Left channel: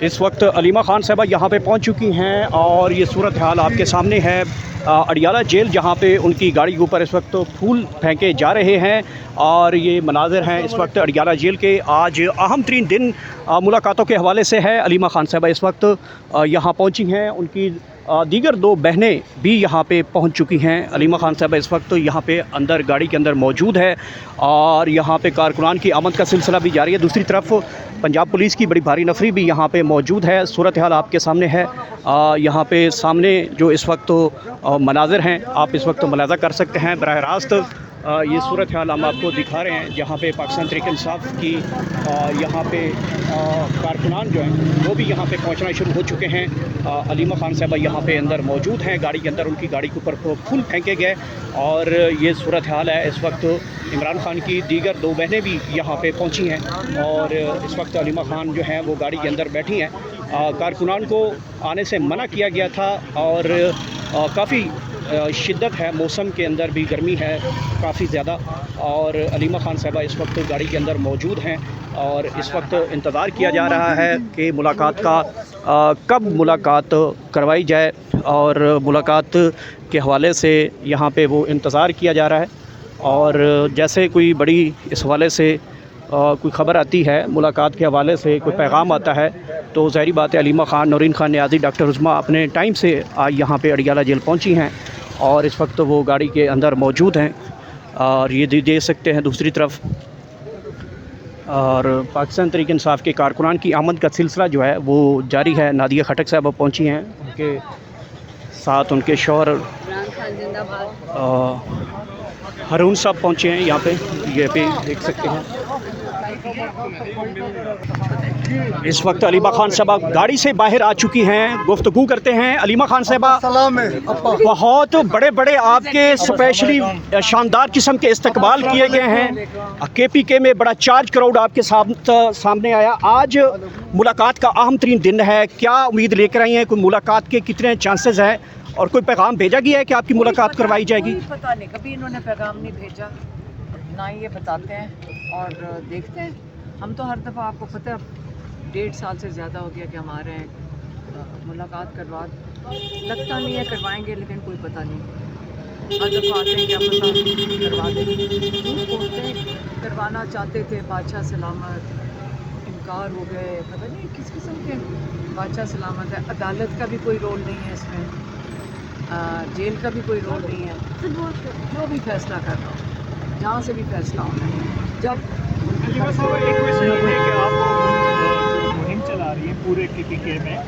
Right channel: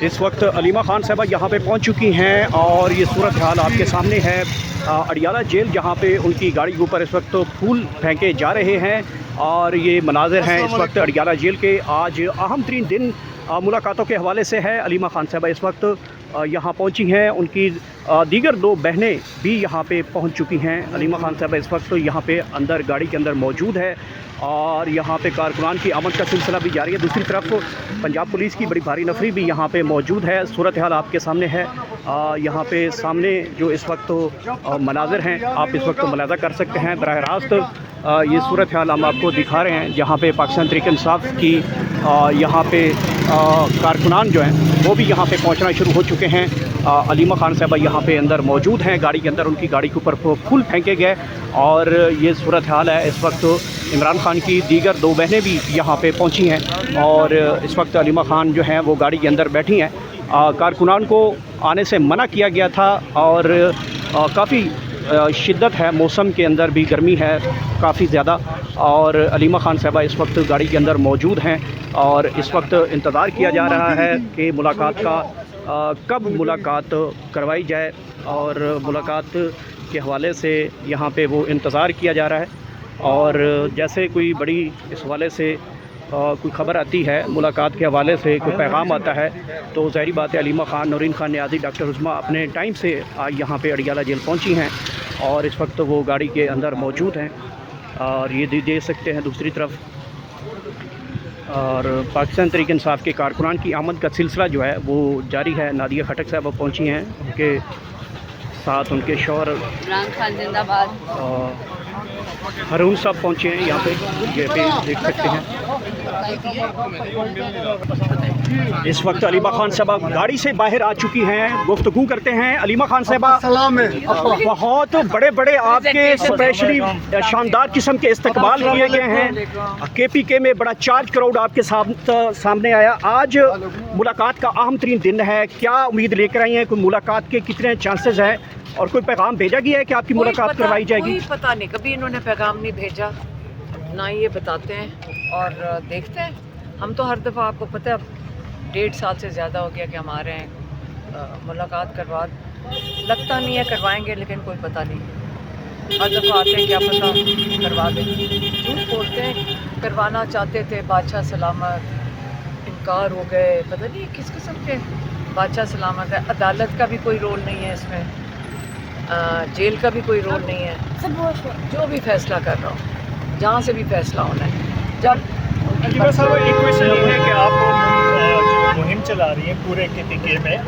इस वक्त अलीमा खान साहबा यहाँ पे पहुँच चुकी हैं और ये सूरत हाल आपके सामने है। अडियाला जेल जहाँ पे उनकी गाड़ी के ऊपर इस वक्त फूल फेंके जा रहे हैं और ये मनाज़िर हैं इस वक्त अडियाला जेल के। आज अहम तरीन दिन मुलाकातों के हवाले से है। अलीमा खान साहबा इस वक्त यहाँ पहुँची हैं, उनकी दीगर दो बहनें भी यहाँ पे पहुँच चुकी हैं। अलीमा खान साहबा इस वक्त यहाँ पे अंदर गाड़ी के अंदर मौजूद है और यहाँ पे कारकुनान की आमद का सिलसिला भी जारी है। दूसरी तरफ पंजाब पुलिस की बड़ी भारी नफरी भी यहाँ पे मौजूद है। सूरत हाल आपके सामने है। यहाँ पे सामने जो इस वक्त मनाज़िर हैं आप इस वक्त मुलाज़ा कर सकते हैं। बराह रास्त ये सूरत हाल हम आपको दिखा रहे हैं जहाँ पे पाकिस्तान तहरीक इंसाफ की यहाँ पे कारकुनान जो हैं वो भी यहाँ पे पहुँचना शुरू हो चुके हैं। अलीमा खान साहबा यहाँ पे अंदर मौजूद हैं, गाड़ी के अंदर उनकी गाड़ी के ऊपर फूल फेंके गए और ये सूरत हाल है। इस वक्त इमरान खान की दीगर दो बहनें भी यहाँ पे पहुँची हैं और इस वक्त अलीमा खान जो हैं वो गाड़ी के अंदर बैठी हैं। कारकुनान को आने से मना किया गया था और काफ़ी शिद्दत है, मौसम के अंदर भी गर्मी है काफ़ी ज़्यादा और अलीमा खान साहबा इस वक्त गाड़ी के अंदर मौजूद हैं और इस वक्त इंतज़ार किया जा रहा है कि मुलाकात का कब मुलाकात करवाई जाए और मुलाकात के हवाले से यहाँ पे वो इंतज़ार किया जा रहा है। और जैसे कोई बड़ी इस हवाले से कोई ख़बर आती है, मुलाकात के हवाले से कोई पैगाम आता है तो ज़ाहिर बात है अलीमा खान, नौरीन खान नियाज़ी, डॉक्टर उस्मा अपने टाइम से आज यहाँ पे अडियाला जेल पहुँची हैं और इस वक्त वो गाड़ी के अंदर मौजूद हैं और ये देख सकते हैं दूसरी तरफ। और पाकिस्तान तहरीक इंसाफ के कारकुनान की आमद का सिलसिला जो है वो जारी है। नादिया खटक साहब पहुँची हैं, उनके साथ उनके शौहर इमरान खान जिंदाबाद हारून साहब पहुँचे हैं यहाँ पे, ये पे देख सकते हैं। इस वक्त अलीमा खान साहबा गाड़ी से बाहर आ चुकी हैं, गुफ्तगू करते हैं। अलीमा खान साहबा बहुत बड़े बड़े आपके स्पेशली शानदार किस्म के इस्तकबाल किए गए हैं। KPK में बड़ा चार्ज क्राउड आपके सामने आया। आज मुलाकात का अहम तरीन दिन है, क्या उम्मीद लेकर आई हैं? कोई मुलाकात के कितने चांसेस हैं और कोई पैगाम भेजा गया है कि आपकी मुलाकात करवाई जाएगी? कोई पता नहीं, कभी इन्होंने पैगाम नहीं भेजा, ना ही ये बताते हैं और देखते हैं। हम तो हर दफ़ा आपको पता है 1.5 साल से ज़्यादा हो गया कि हम आ रहे हैं, मुलाकात करवा लगता नहीं है करवाएंगे, लेकिन कोई पता नहीं। हर दफ़ा आते हैं क्या पता करवा दें, झूठ बोलते हैं। करवाना चाहते थे, बादशाह सलामत, इनकार हो गए, पता नहीं किस किस्म के बादशाह सलामत है। अदालत का भी कोई रोल नहीं है इसमें, जेल का भी कोई रोल नहीं है। जो भी फैसला कर रहा हो, जहाँ से भी फैसला होना है। जब एक क्वेश्चन ये है कि आप जो मुहिम चला रही है पूरे KPK में,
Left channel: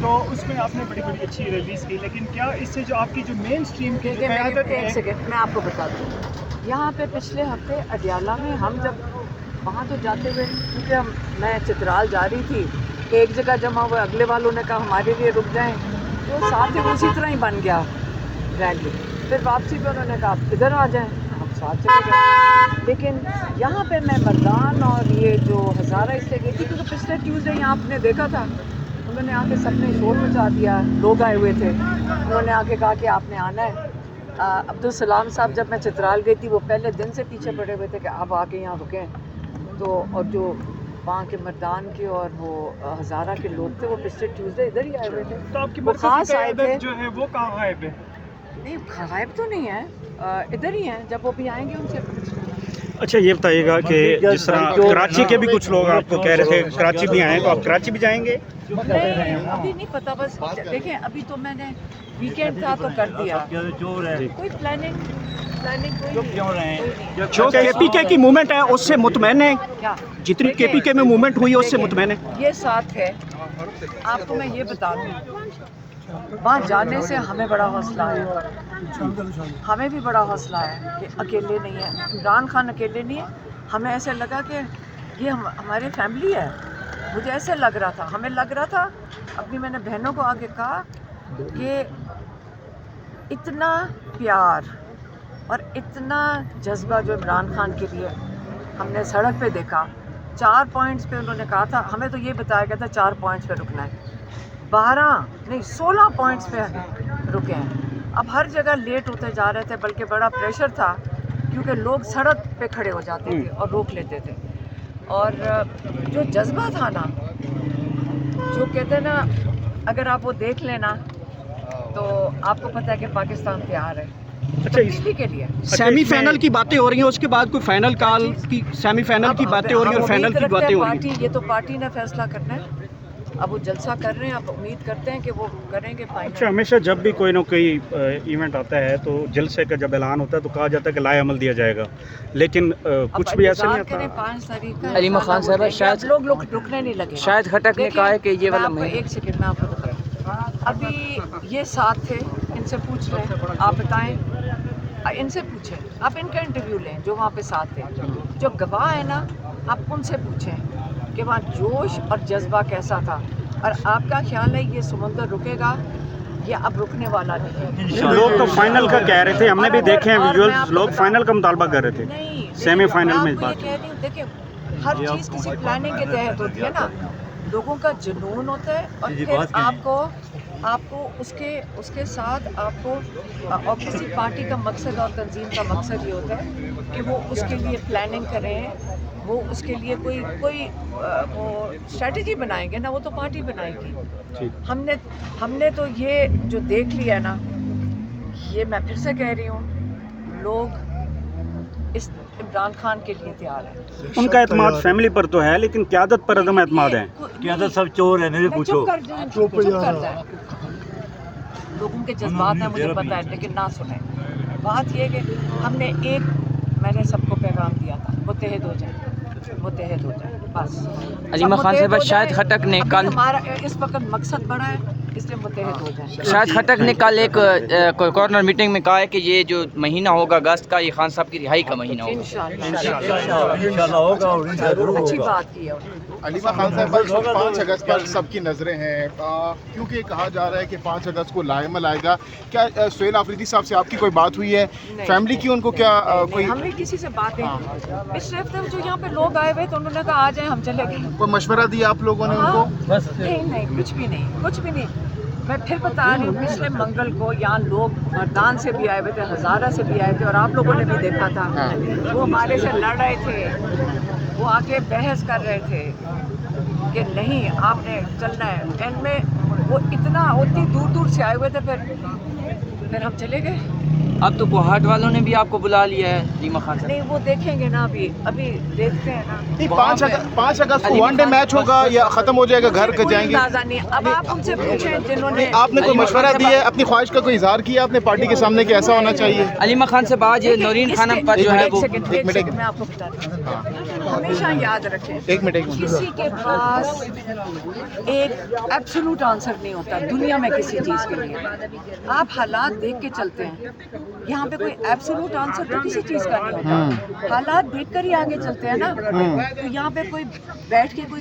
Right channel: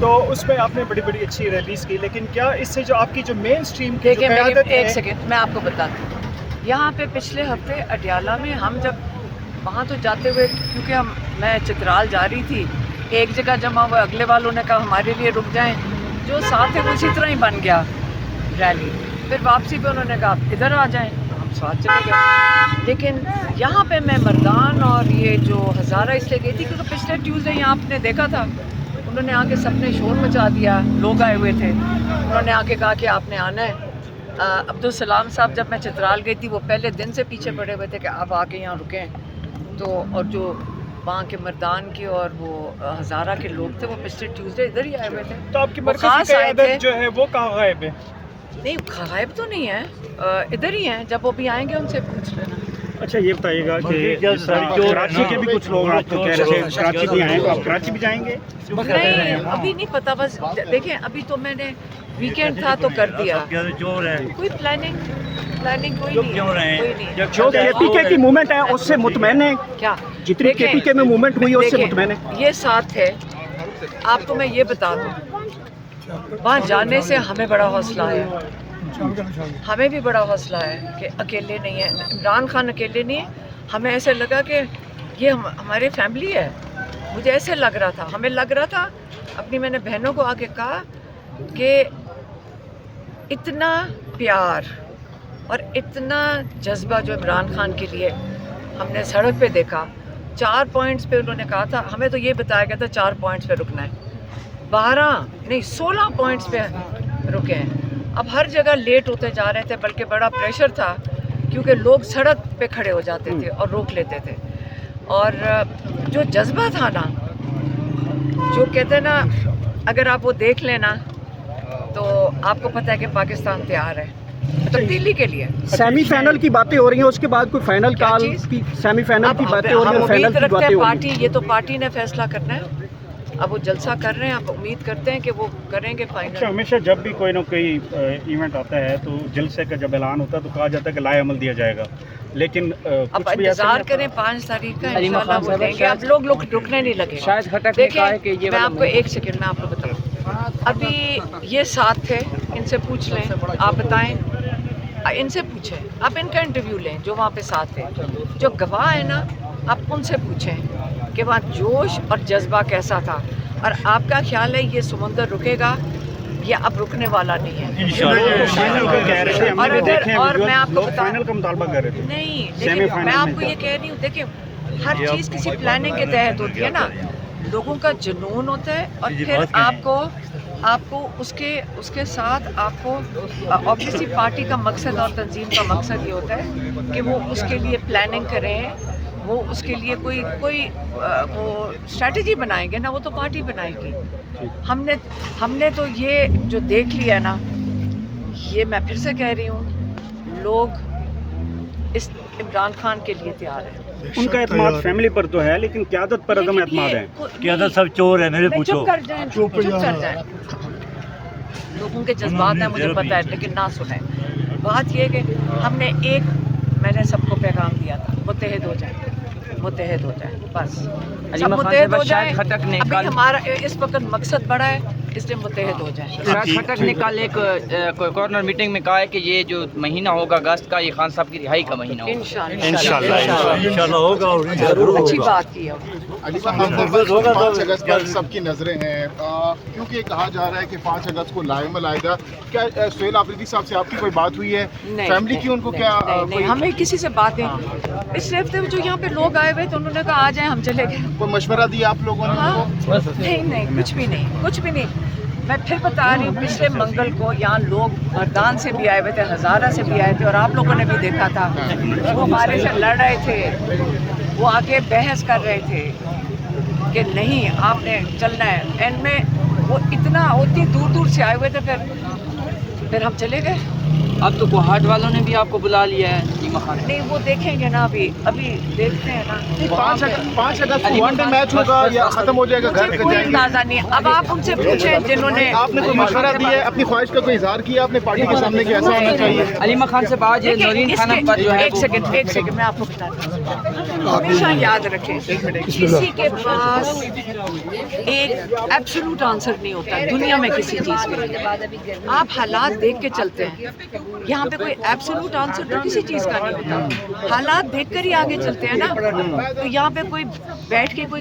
तो उसमें आपने बड़ी बड़ी अच्छी रैलीज़ की, लेकिन क्या इससे जो आपकी जो मेन स्ट्रीम की एक सेकेंड मैं आपको बताती हूँ। यहाँ पे पिछले हफ्ते अडियाला में हम जब वहाँ तो जाते हुए, क्योंकि मैं चित्राल जा रही थी, एक जगह जमा हुआ, अगले वालों ने कहा हमारे लिए रुक जाएं, जो साथ है वो इसी तरह ही बन गया रैली। फिर वापसी पे उन्होंने कहा इधर आ जाएं, हम साथ चले गए। लेकिन यहाँ पे मैं मर्दान और ये जो हज़ारा इसलिए गई थी क्योंकि पिछले ट्यूसडे यहाँ आपने देखा था, उन्होंने आके सबने शोर मचा दिया, लोग आए हुए थे, उन्होंने आके कहा कि आपने आना है। अब्दुल सलाम साहब जब मैं चित्राल गई थी वो पहले दिन से पीछे पड़े हुए थे कि आप आके यहाँ रुकें। तो और जो वहाँ के मर्दान के और वो हज़ारा के लोग थे वो पिछले ट्यूसडे इधर ही आए हुए थे। तो आपकी मरकज़ी क़यादत जो है वो कहाँ गायब है? नहीं गायब तो नहीं है, इधर ही हैं, जब वो भी आएंगे उनसे पूछ लेना। अच्छा ये बताइएगा कि जिस तरह कराची के भी कुछ लोग आपको कह रहे थे कराची भी आए, तो आप कराची भी जाएंगे? नहीं अभी नहीं पता, बस देखें अभी तो मैंने वीकेंड था तो कर दिया, कोई प्लानिंग कोई नहीं। जो KPK की मूवमेंट है उससे मुतमैन है क्या? जितनी KPK में मूवमेंट हुई है उससे मुतमैन है? ये साथ है। आपको मैं ये बता दूँ, वहाँ जाने से हमें बड़ा हौसला है, हमें भी बड़ा हौसला है कि अकेले नहीं है, इमरान खान अकेले नहीं है। हमें ऐसे लगा कि ये हमारी फैमिली है, मुझे ऐसे लग रहा था, हमें लग रहा था। अपनी मैंने बहनों को आके कहा कि इतना प्यार और इतना जज्बा जो इमरान खान के लिए हमने सड़क पे देखा, 4 पॉइंट्स पे उन्होंने कहा था, हमें तो ये बताया गया था 4 पॉइंट्स पे रुकना है, 12 नहीं 16 पॉइंट्स पे रुके हैं। अब हर जगह लेट होते जा रहे थे, बल्कि बड़ा प्रेशर था क्योंकि लोग सड़क पे खड़े हो जाते थे और रोक लेते थे। और जो जज्बा था ना जो कहते हैं ना, अगर आप वो देख लेना तो आपको पता है कि पाकिस्तान तैयार है तब्दीली के लिए। सेमीफाइनल की बातें हो रही हैं, उसके बाद कोई फाइनल क्या काल चीज़? की सेमीफाइनल की अब बातें हो रही हम हैं और फाइनल उम्मीद की रखते बातें हैं हो रही पार्टी, हैं। ये तो पार्टी ने फैसला करना है। अब वो जलसा कर रहे हैं, अब उम्मीद करते हैं कि वो करेंगे अच्छा, फाइनल। हमेशा जब भी कोई ना कोई इवेंट आता है तो जलसे का जब ऐलान होता है तो कहा जाता है कि लाए अमल दिया जाएगा, लेकिन अब कुछ भी ऐसा इंतजार नहीं करें होता। 5 तारीख का, अली इंशाल्लाह मखान वो साहब, देंगे। शायद- अब लोग रुकने नहीं लगे। शायद खटक ने कहा है कि ये मैं वाला आपको एक सेकंड में आपको बताऊं, अभी ये साथ थे, इनसे पूछ लें, आप बताएं, इनसे पूछें, आप इनका इंटरव्यू लें जो वहाँ पे साथ थे, जो गवाह है ना, आप उनसे पूछें कि वहाँ जोश और जज्बा कैसा था, और आपका ख्याल है ये समुंदर रुकेगा या अब रुकने वाला नहीं है? लोग तो फाइनल का कह रहे थे, हमने और भी अगर- देखे हैं और मैं वीडियोस, आपको लोग बताऊं- फाइनल का मुतालबा कर रहे थे। नहीं, देखिए, सेमीफाइनल मैं में आपको ये कह रही हूँ, देखिए हर चीज़ किसी प्लानिंग के तहत होती है ना, लोगों का जुनून होता है और फिर आपको उसके साथ आपको ऑब्वियसली पार्टी का मकसद और तंजीम का मकसद ये होता है कि वो उसके लिए प्लानिंग करें, वो उसके लिए कोई वो स्ट्रेटजी बनाएंगे ना, वो तो पार्टी बनाएगी। हमने तो ये जो देख लिया ना, ये मैं फिर से कह रही हूँ, लोग इस इमरान खान के लिए तैयार हैं। उनका एतमाद फैमिली पर तो है, लेकिन क्यादत पर अदम एतमाद है। क्यादत सब चोर है, मेरे पूछो। चुप कर जाए। लोगों के जज्बात हैं, मुझे पता है, लेकिन ना सुने। बात ये है कि मैंने सबको पैगाम दिया था, मुत्तहिद हो जाए, बस। अली सब मखान मुत्तहिद साहब, हो शायद जाए। खटक ने अभी कल- हमारा इस वक्त मकसद बड़ा है, इसलिए मुत्तहिद हो जाए। शायद खटक ने कल एक कॉर्नर मीटिंग में कहा है कि ये जो महीना होगा अगस्त का, ये खान साहब की रिहाई का महीना होगा। इंशाल्लाह होगा और जरूर अच्छी होगा। बात की है। अली खान साहब, 5 अगस्त पर सबकी नजरें हैं, क्योंकि ये कहा जा रहा है कि 5 अगस्त को लाएमल आएगा। क्या सुहेल आफरीदी साहब से आपकी कोई बात हुई है? फैमिली की उनको क्या नहीं, हमें किसी से बातें पिछले हफ्ते जो यहाँ पे लोग आए हुए तो उन्होंने कहा आ जाए, हम चले गए। कोई मशवरा दिया आप लोगों ने हाँ, उनको? नहीं, कुछ भी नहीं। मैं फिर बता रही हूँ, पिछले मंगल को यहाँ लोग मर्दान से भी आए हुए थे, हज़ारा से भी आए थे, और आप लोगों ने भी देखा था, वो हमारे से लड़ रहे थे, वो आके बहस कर रहे थे कि नहीं आपने चलना है। एंड में वो इतनी दूर से आए हुए थे, फिर हम चले गए। अब तो कोहाट वालों ने भी आपको बुला लिया है अली मखान। नहीं, वो देखेंगे ना, अभी देखते हैं ना। 5 अगस्त को वनडे मैच होगा या खत्म हो जाएगा, घर मुझे के कोई जाएंगे? अंदाजा नहीं है। अब आप उनसे पूछें जिन्होंने आपने कोई मशवरा दिया है, अपनी ख्वाहिश का कोई इजहार किया आपने पार्टी के सामने कि ऐसा होना चाहिए? अली मखान से बात, ये नौरीन खानम का जो है एक सेकंड मैं आपको बताती हूँ। हमेशा याद रखें, किसी के पास एक एब्सोल्यूट आंसर नहीं होता दुनिया में किसी चीज़ के लिए। आप हालात देख के चलते हैं। यहाँ पे कोई एब्सोल्यूट आंसर तो किसी चीज़ का नहीं होता। हालात देखकर ही आगे चलते हैं ना। तो यहाँ पे कोई बैठ के कोई